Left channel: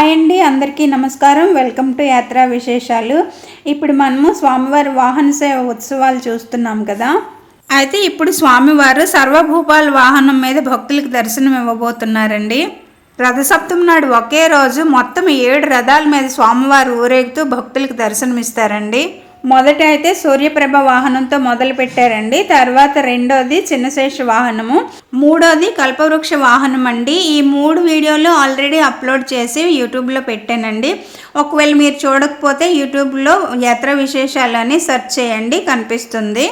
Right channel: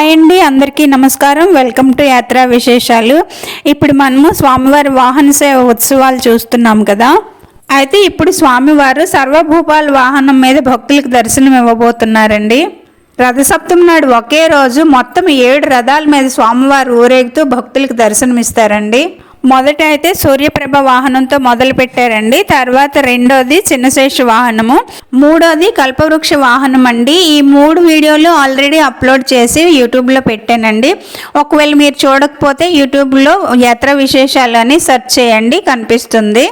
Hi అండి అందరికీ నమస్కారం. వెల్కమ్ టు యాత్రా విశేషాలు. ఇప్పుడు మనము స్వామివారి వాహన సేవ ఉత్సవాలు చూస్తున్నాం కదా. అయితే ఇప్పుడు స్వామివారు సర్వభూపాల వాహనం మీద భక్తులకు దర్శనం ఇవ్వబోతున్నారండి. రథసప్తమి నాడు ఒకే రోజు మొత్తం ఏడు రథాల మీద స్వామివారు ఊరేగుతూ భక్తులకు దర్శనమిస్తారండి. మొదట అయితే సూర్యప్రభ వాహనంతో మొదలు పెట్టారండి. తర్వాత రెండోది చిన్నశేష వాహనము. మూడోది కల్పవృక్ష వాహనం అండి. ఈ మూడు వీడియోలు ఆల్రెడీ అప్లోడ్ చేసి యూట్యూబ్లో పెట్టానండి. ఒకవేళ మీరు చూడకపోతే యూట్యూబ్లో యాత్ర విశేషాలు అని సెర్చ్ చేయండి కనిపిస్తుంది.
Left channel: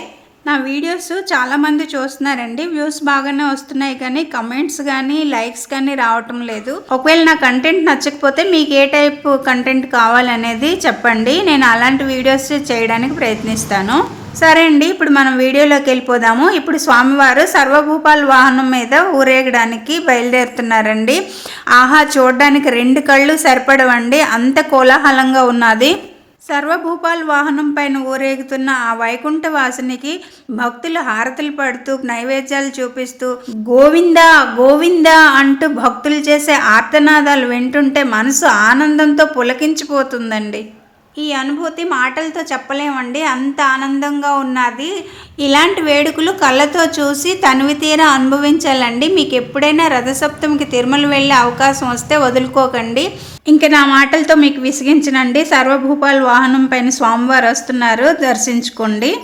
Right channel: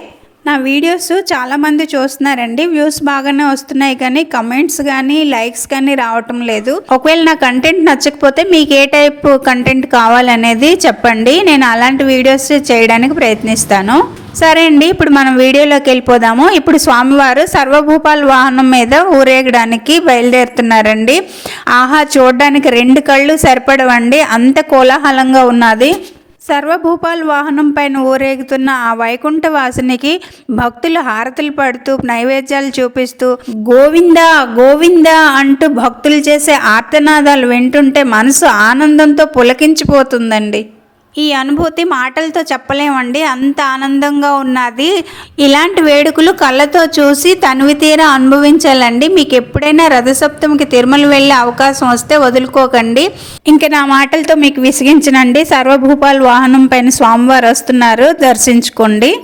నా వీడియోస్ చాలామంది చూస్తున్నారండి. వ్యూస్ బాగానే వస్తున్నాయి కానీ కమెంట్స్ కానీ లైక్స్ కానీ రావటం లేదు. ఒకవేళ నా కంటెంట్ నచ్చకపోతే మీకు ఏ టైప్ కంటెంట్ కావాలనేది చెప్పండి. నేను అలాంటి వీడియోస్ చేయడానికి ప్రయత్నిస్తాను. సరే అండి ఇప్పుడు మనం వీడియోలోకి వెళ్ళిపోదాము. ఇప్పుడు స్వామివారు సర్వభూపాల వాహనం మీద ఊరేగడానికి బయలుదేరుతున్నారండి. ఆహా చూడడానికి రెండు కళ్ళు సరిపడవండి. అంత కోలాహలంగా ఉన్నది. సర్వభూపాల్ వాహనం పైన ఊరేగుతున్న ఆ వైకుంఠ వాసునికి భక్తులు హారతులు పడుతూ నైవేద్యాలు చూపిస్తూ గోవిందా గోవిందా అంటూ భక్తులు చేసే ఆర్తనాదాలు వింటుంటే మనసు ఆనందంతో పులకించిపోతుందండి. ఈ అనుభూతి మాటలతో చెప్పలేమండి. అంత ఆనందంగా ఉన్నది. ఇలాంటి వేడుకలు కళ్ళతో చూసి తనివి తీర అనుభవించాలండి. మీకు ఎప్పుడైనా రథసప్తమికి తిరుమల వెళ్ళే అవకాశం వస్తే వదులుకోకండి. ఇంకా నా మాటలతో మీకు విసిగించనండి. సర్వభూపాల్ వాహనం పైన స్వామివారు వస్తున్నారు. దర్శించుకోండి.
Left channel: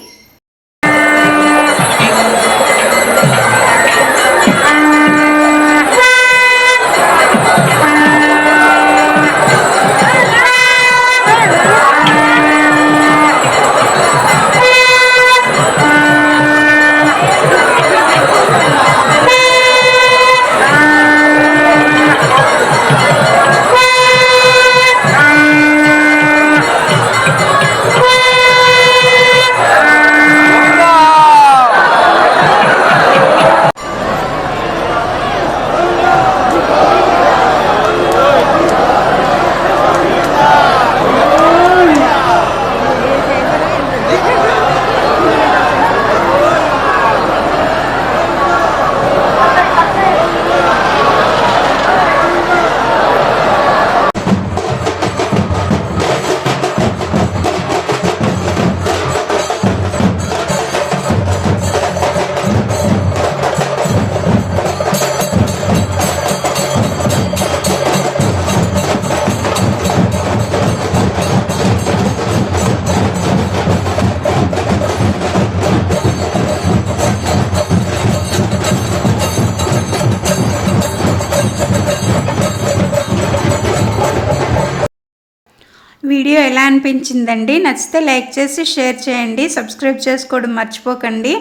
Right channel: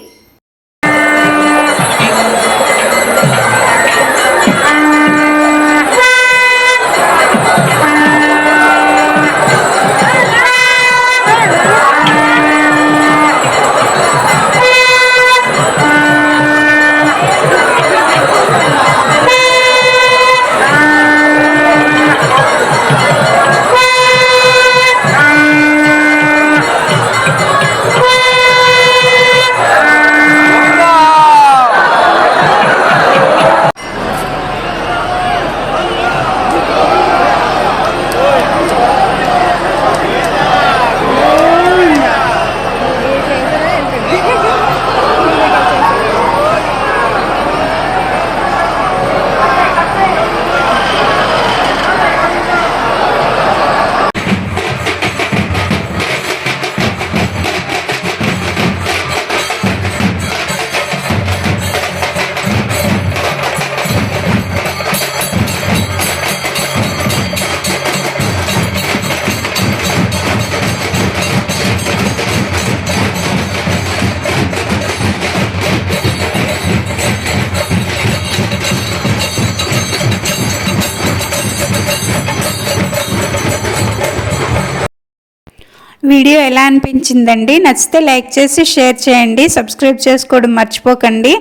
వీడియో ఎలా అనిపించిందండి? నచ్చితే లైక్ చేసి షేర్ చేయండి. సబ్స్క్రైబ్ చేసుకోవడం మర్చిపోకండి.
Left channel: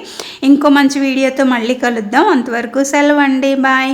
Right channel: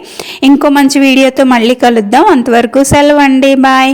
ఇంకో మంచి వీడియోతో మళ్ళీ కలుద్దాం. అంతవరకు సెలవు అండి. బాయ్.